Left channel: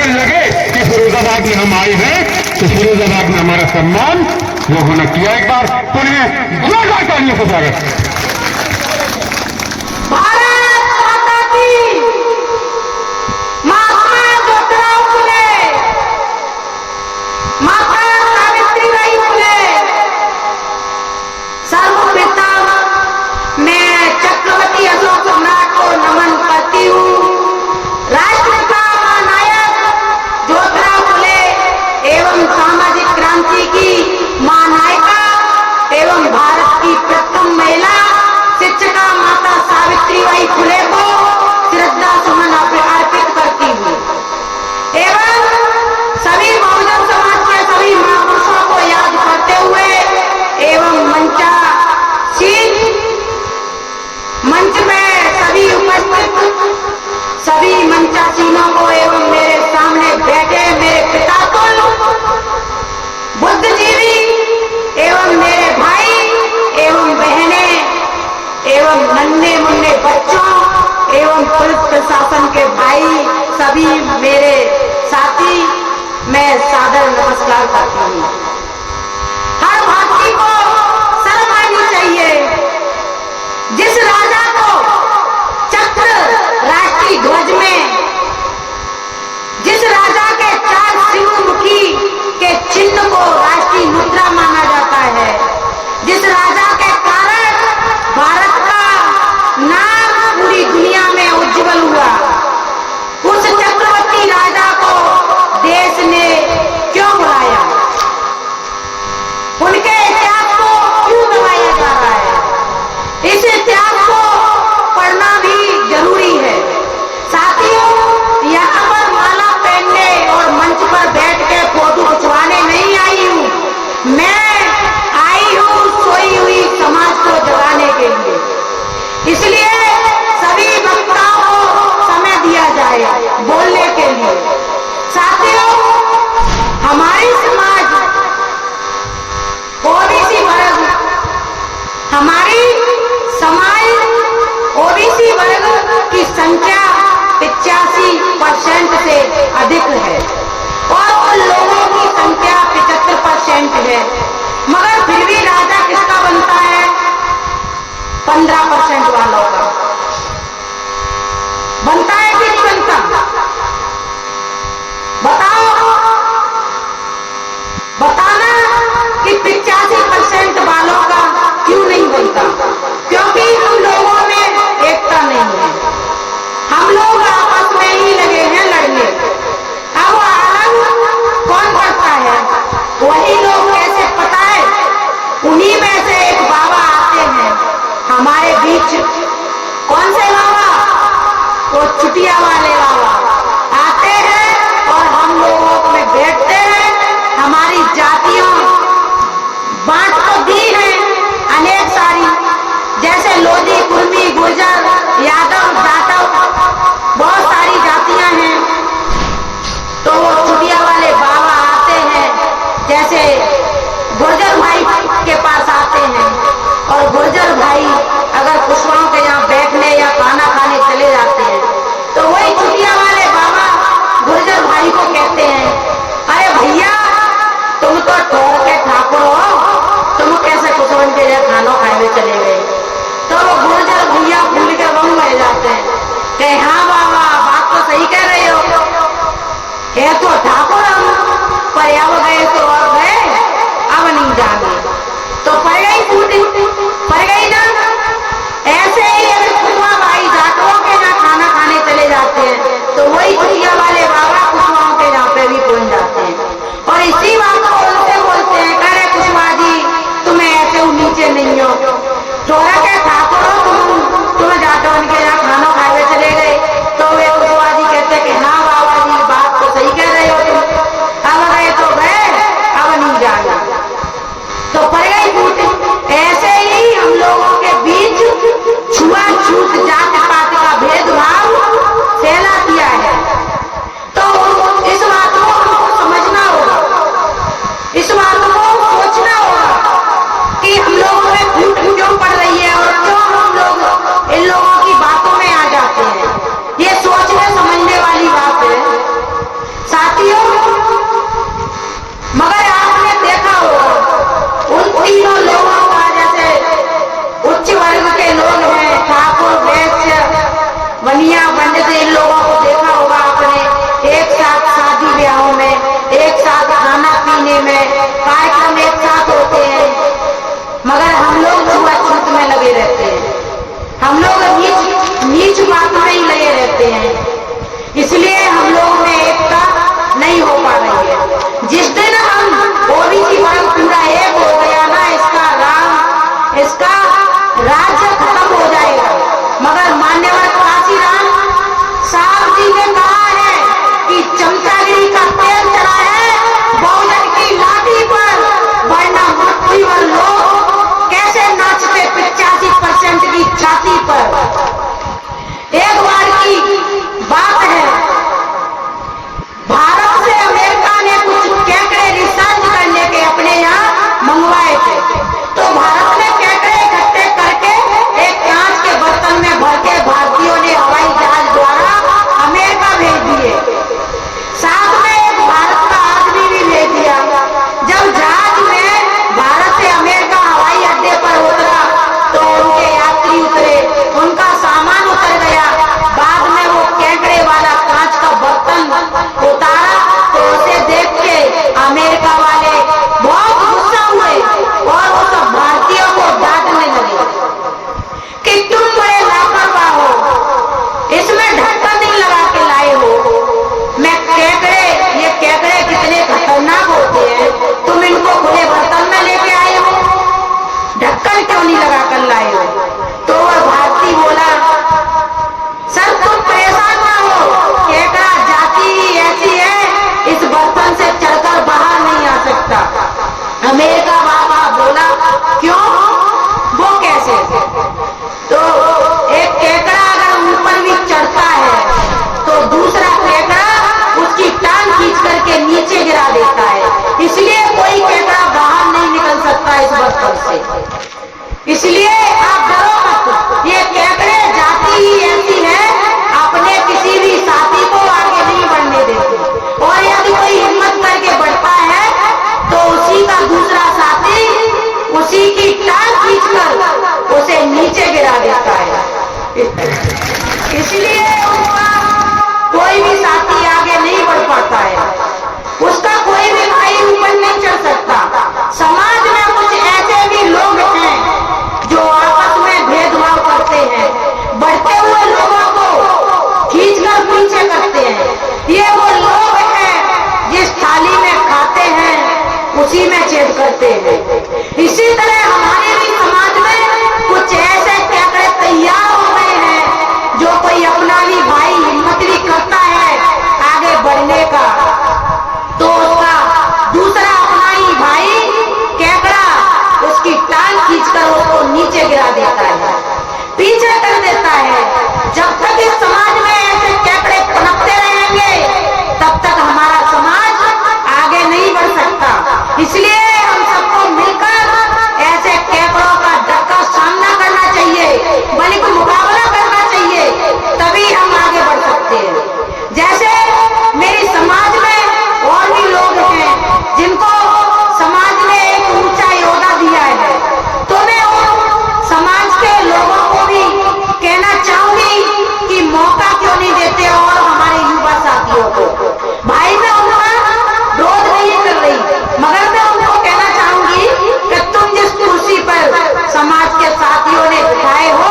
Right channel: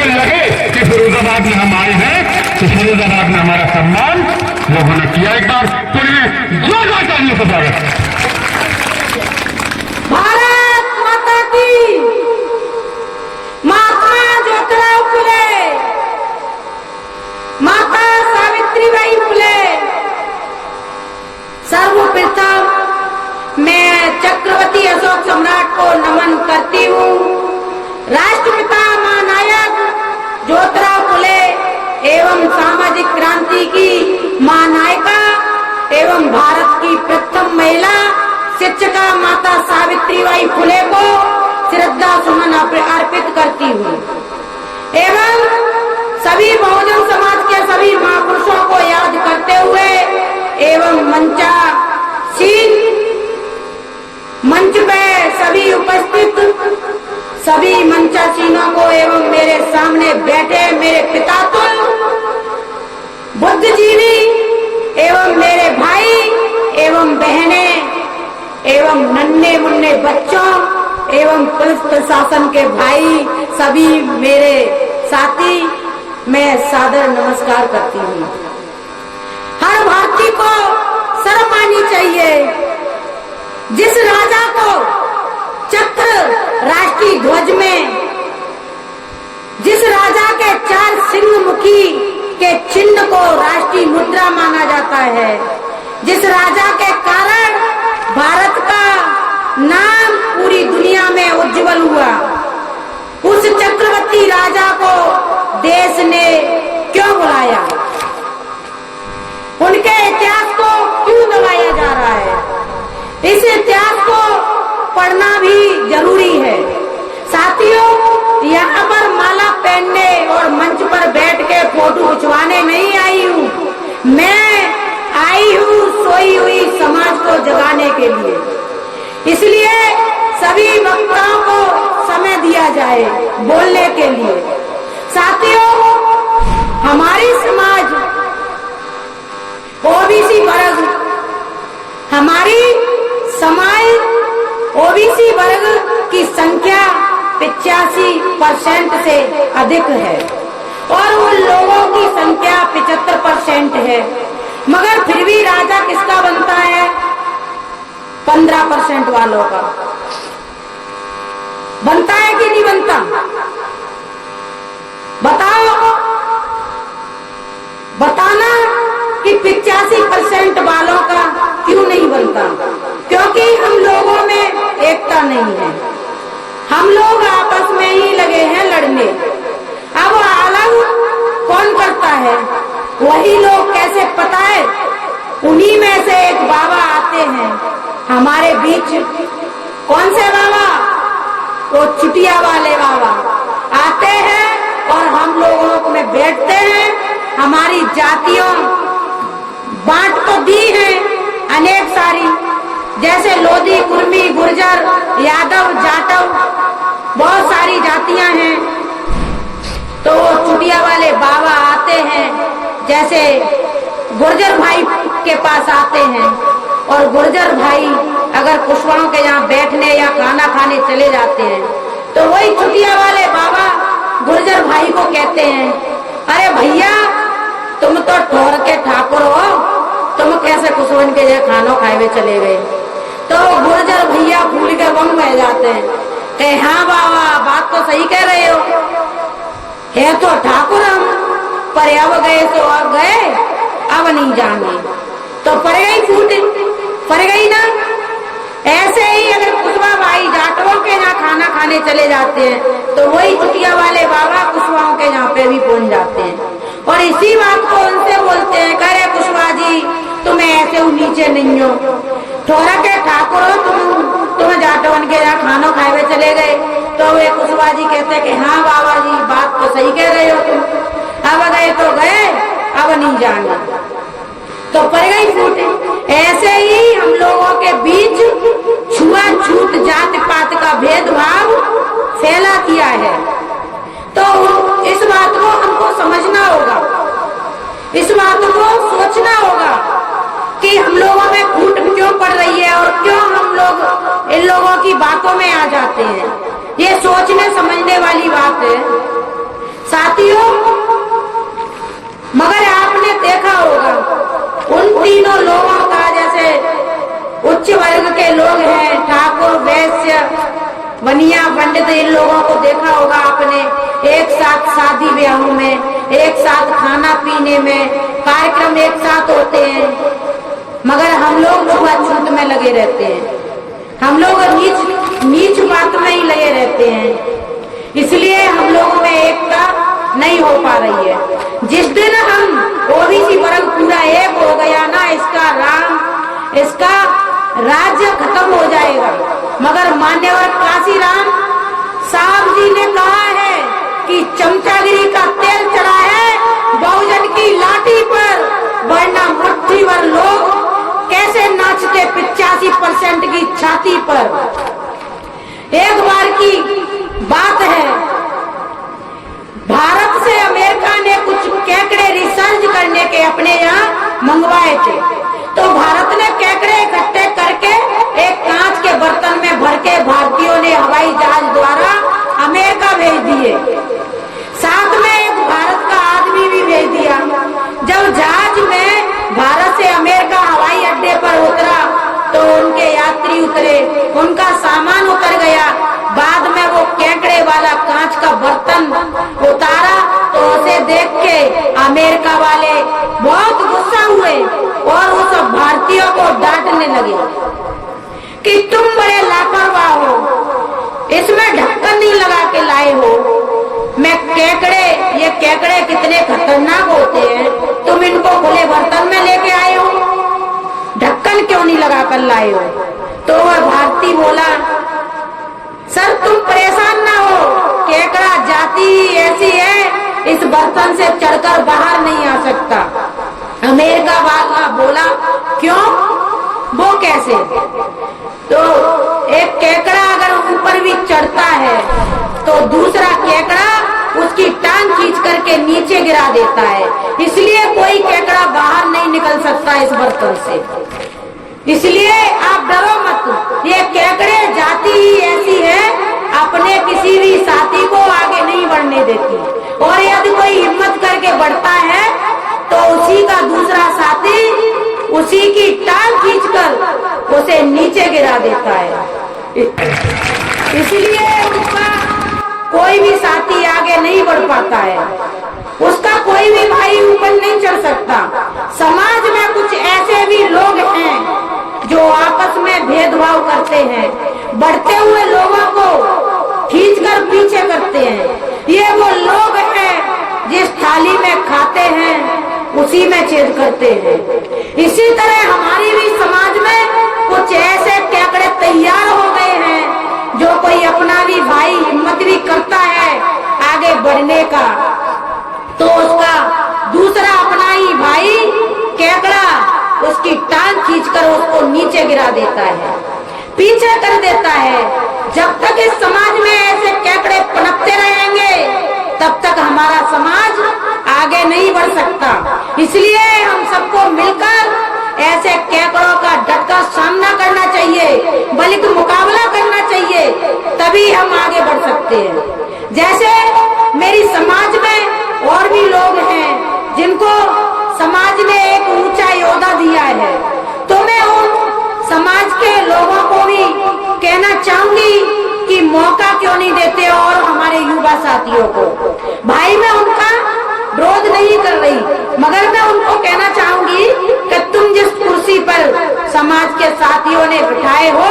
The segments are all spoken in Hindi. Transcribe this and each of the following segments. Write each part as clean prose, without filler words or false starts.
ये लगे कि फिरोजाबाद में हम आए हैं तो फिरोजाबाद में हमारा सम्मान लोगों ने किया। एक बार पुण्य जोरदार तालियों से स्वागत। चक्रवर्ती अशोक सम्राट को नमन करती हूँ। राष्ट्रपिता महानायक ज्योतिराव फुले एवं सामाजिक क्रांति की महानायिका एवं भारत की प्रथम महिला शिक्षिका माता सावित्रीबाई फुले को श्रद्धा सुमन अर्पित करती हूँ एवं सभी बहुजन समाज के सभी महापुरुषों को याद करते हुए एवं मंच पे सभी उपस्थित सभी मंचासीनों को एवं मेरे सामने बैठे मेरे पितातुल बुद्धिजीवी एवं मेरे भाई एवं बहनें एवं नन्हे मुन्ने बच्चों एवं पुलिस प्रशासन के भाई सभी मेरे साथी, मैं सादर नमस्कार करती हूँ। हर भारतीय को शर्म आनी चाहिए। जिस राजा को चक्र राष्ट्रीय ध्वज में, जिस राजा के 4 सिंह मुखी के चिन्ह को राष्ट्रीय मुद्रा माना जाता है, जिस राजा के कारण भारत का नाम पूरी दुनिया में उज्जवल हुआ, उस चक्रवर्ती राजा को देश ने क्यों बुलाया? उनके इतिहास को क्यों दबाया जा रहा है? इस इतिहास को पढ़ना भी जरूरी है। साथियों, यहाँ पर माला पहनने और मंच पर बैठ के फोटो खिंचवाने नहीं आई हूँ। मैं आई हूँ सोई हुई समाज को जगाने के लिए। इसलिए सभी वक्ताओं को समय दिया जाए बोलने के लिए। साथियों, हमारी समाज ओबीसी वर्ग, हमारी समाज ओबीसी वर्ग की संख्या 85% से अधिक है और उन लोगों की संख्या 75% है, मगर फिर भी राजा किसका बनता है? 15% वालों का बनता है कि नहीं बनता? बताना कि 85% वालों का क्यों नहीं बनता? क्योंकि हम लोगों में एकता नहीं है। हम लोग आपस में ही लगे हैं लड़ने। अब आलम कौन करता है? वही लोग कैसे पता है? उन्हीं में से एक बाबा आते हैं हमारे बीच। कौन से बाबा? वो चुटिया वाले बाबा आते हैं और हम लोगों में बैठते हैं। हमारी जातियां बांट तो दी है अनेक सारी, जैसे लोधी, कुर्मी, गुर्जर, यादव, जाटव, बहुत सारी जातियां हैं। तो वो चुटिया वाले बाबा आते हैं, जैसे गुर्जर भाई के पास आते हैं और गुर्जर भाई अगर कुशवाहों के यहाँ बैठने या खाना खाने चले जाते हैं तो वही चुटिया वाले बाबा गुर्जर भाई को कहते हैं, अरे भैया तुम तो ठोर के ठाकुर हो, तुम कैसे कुशवन के यहाँ खाना खाए चले गए? तो वो गुर्जर भैया भूल के वन में जाते हैं कि हाँ बाबा बात तो सही कह रहे हो, है तो ठाकुर हम, पर अब गए तो अब गए, अब नहीं जाना। तो पड़ गई फूटी, पड़ गई ना। ऐसे ही अगर कुशवा भाई जाटों के यहाँ खाना खाने चले जाते हैं तो वही चुटिया वाले बाबा कुशवाओं के यहाँ पे भी पहुंच जाते हैं और इसी बात को उनसे बोलते हैं, कह रहे कुशवा जी तुम्हें ऐसे नीचे नहीं हो, थोड़ा क्या ठाकुर हो तुम जाटों के यहाँ खाना खाए चले गए। तो वे कुशवा जी कहते कि हाँ बाबा जी बात तो सही कह रहे हो तुम, अब गए तो गए, अब नहीं जाना। तो पड़ गई फूट। ऐसे ही हम लोगों के बीच छुआछूत, जात पात का भेदभाव फैला दिया है। जाते थे इन लोगों को देखा होगा आपने, एक साथ शादी ब्याहों में, एक साथ खाना पीने में, कार्यक्रम एक साथ होते हैं, मगर हम लोग छुआछूत में लगे रहते हैं, हम लोग नीच बात में ही लगे रहते हैं। इसलिए हम लोगों में एकता नहीं हो पा रही है। जिस दिन हम ओबीसी वर्ग पूरा एक हो गया ना, इसका राज्य खत्म हो जाएगा। मगर मान्यवर काशीराम साहब जी ने कहा है कि चमचागिरी का तेल चढ़ा है बहुजन की लाठी पर, वरना मुट्ठी भर लोग कैसे नाचते 85% की छाती पर। एक बार की बात है, भारत से अमेरिका ने कुछ केकड़े रिसर्च करने के अपने यहाँ मंगवाए थे, तो भारत ने केकड़े इकट्ठे करके एक कांच के बर्तन में भर के भारतीयों ने हवाई जहाज द्वारा अमेरिका भेज दिए। साथ में एक भारत का आदमी भी भेज दिया। जब जहाज में भारत से अमेरिका हवाई अड्डे पर उतरा तो उनके यात्री उतरे, उनका सामान उतर गया। बाद में वो केकड़े वाला कांच का बर्तन उतारा तो उसे देख के अमेरिका वाले बहुत गुस्सा हुए और वो सब भारतीयों को डांटने लगे कि तुम बड़े लापरवाह हो, इसमें ढक्कन नहीं लगा के लाए हो। ये केकड़े कितने खतरनाक होते हैं, तुम इनको खुले बर्तन में लेके आए हो, ढक्कन क्यों नहीं लगा कर लाए हो? तो भारती बोला, सर तुम परेशान ना हो, केकड़ा जाति ही ऐसी है, इस बर्तन से चढ़कर बाहर नहीं आ सकता। अमेरिका वाला बोला, क्यों, वो कैसे? तो एक केकड़ा अगर ऊपर भी चढ़ता है तो दूसरा केकड़ा उसकी टांग खींच करके नीचे गिरा देता है, इसलिए कोई केकड़ा बाहर नहीं निकल सकता इस बर्तन से। इसलिए आप डरो मत, ये केकड़े जाति ही ऐसी है, अपने किसी भी साथी को आगे नहीं बढ़ने देते, और यदि कोई हिम्मत करके बढ़ता है तो उसी का दूसरा साथी उसी की टांग खींचकर उसे नीचे गिरा देता है। इसलिए उसका कोई भी साथी आगे नहीं बढ़ पाता है, उसका कोई भी भाई ऊपर नहीं चढ़ सकता। समाज में कुछ ऐसे भी लोग हैं जो आपस में भेदभाव करते हैं, बढ़ते हुए लोगों को खींचकर पीछे करते हैं। ये वो लोग हैं जिस थाली में खाते हैं उसी में छेद करते हैं। इसी तरह हमारे भी समाज में कुछ ऐसे केकड़े तैयार हो गए हैं, जो कोई अपना भी भाई हिम्मत भी करता है आगे बढ़ने का तो उसका दूसरा अपना ही भाई केकड़ा उसकी टांग खींचकर उसको नीचे गिरा देता है, पीछे कर देता है। जब तक इस समाज में ऐसे केकड़े पनपते रहेंगे तब तक हमारा समाज आगे नहीं बढ़ सकता। इसलिए हम सबको मिलकर ऐसे केकड़ों का डटकर सामना करना चाहिए, बल्कि मुकाबला करना चाहिए, तभी हम आगे बढ़ सकते हैं। जैसे मेरी समाज में और भी लोग हैं जिनको समाज ने एक ऊंचा योद्धा दिया है, तो मैं उन समाज के लोगों को भी कहना चाहूंगी कि मौका क्यों नहीं देते, और हमारे युवा साथियों को। भाई मैं उनका विरोध नहीं कर रही, मगर मैं उनको कहना चाहूंगी कि तुम जिस कुर्सी पर समाज के साथियों ने बिठाए हो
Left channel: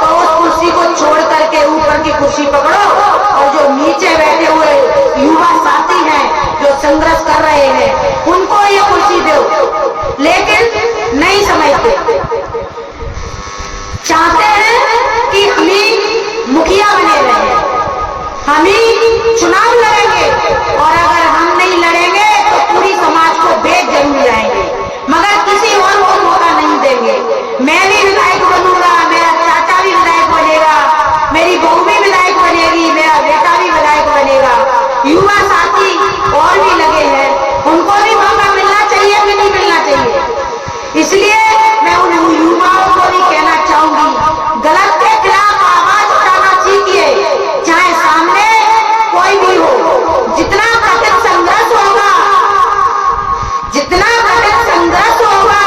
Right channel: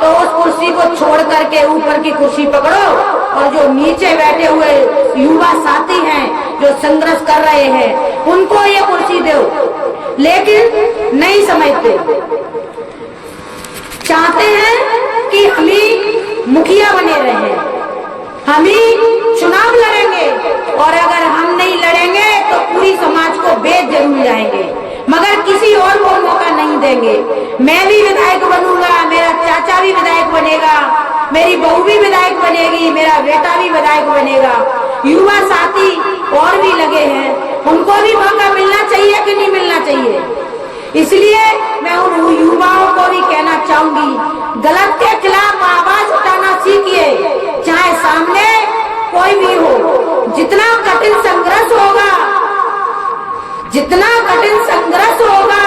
तो उस कुर्सी को छोड़ करके ऊपर की कुर्सी पकड़ो, और जो नीचे बैठे हुए युवा साथी हैं जो संघर्ष कर रहे हैं उनको ये कुर्सी दो। लेकिन नहीं समझते, चाहते हैं कि हम ही मुखिया बने रहे, हम ही चुनाव लड़ेंगे, और अगर हम नहीं लड़ेंगे तो पूरी समाज को बेच जरूर जाएंगे, मगर किसी और को मौका नहीं देंगे। मैं भी विधायक बनूंगा, मेरा चाचा भी विधायक बनेगा, मेरी बहू भी विधायक बनेगी, मेरा बेटा भी विधायक बनेगा। युवा साथी और भी लगे हैं, उनको भी मौका मिलना चाहिए कि नहीं मिलना चाहिए? इसलिए मैं उन युवाओं को भी कहना चाहूंगी, गलत के खिलाफ आवाज उठाना सीखिए, चाहे सामने कोई भी हो। जितना कठिन संघर्ष होगा, जितना कठिन संघर्ष होगा,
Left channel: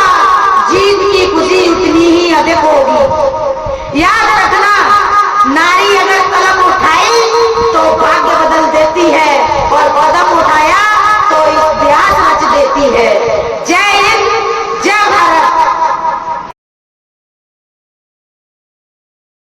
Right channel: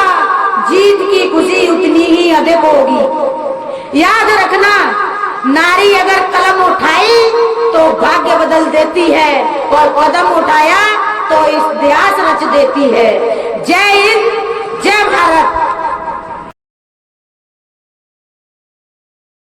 जीत की खुशी उतनी ही अधिक होगी। याद रखना, नारी अगर कलम उठाई है।